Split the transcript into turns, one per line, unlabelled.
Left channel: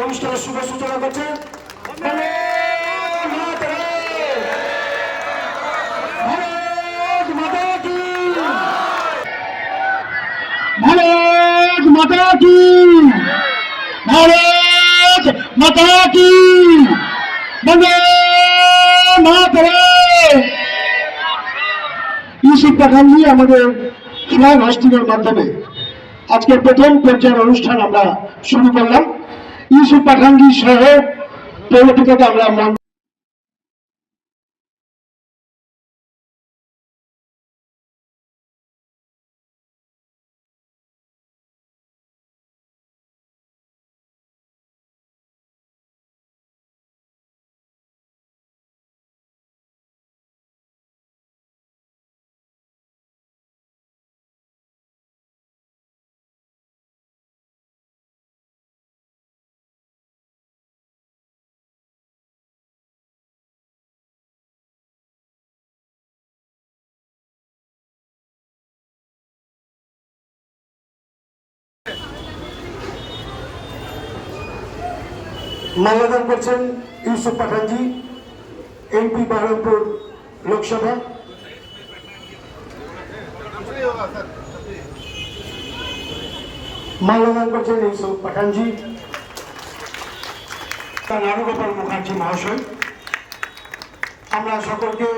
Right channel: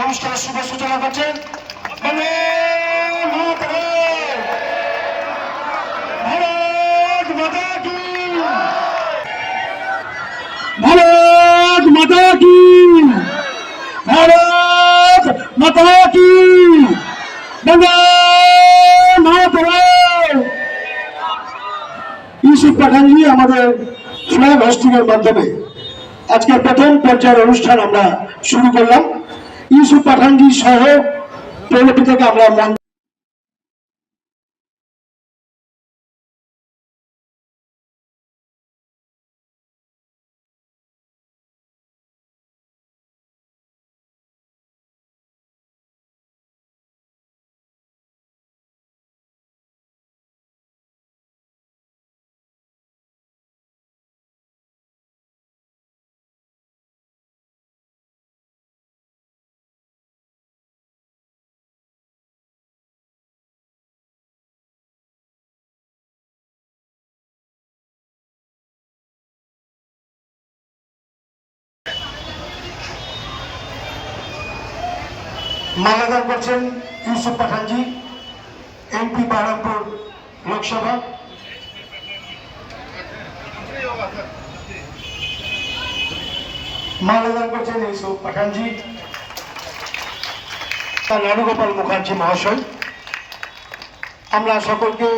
অনুষ্ঠানের শুভ সূচনা করছেন ভারত আমাদের ফ্ল্যাগ হোস্টিংয়ের মাধ্যমে আজকে প্রথম পর্যায়ের অনুষ্ঠান আমরা শুরু করলাম। ইউসুফ পাঠানজি সহ পৌরপিতাকে আমরা মাল্যদান করছেন ইউসুফ পাঠানজি, এমপি বারামপুর লোকসভা। মাল্যদান করছেন ইউসুফ পাঠানজি, তার নারুগোপাল মুখার্জি মহাশয়। আমরা সকলকে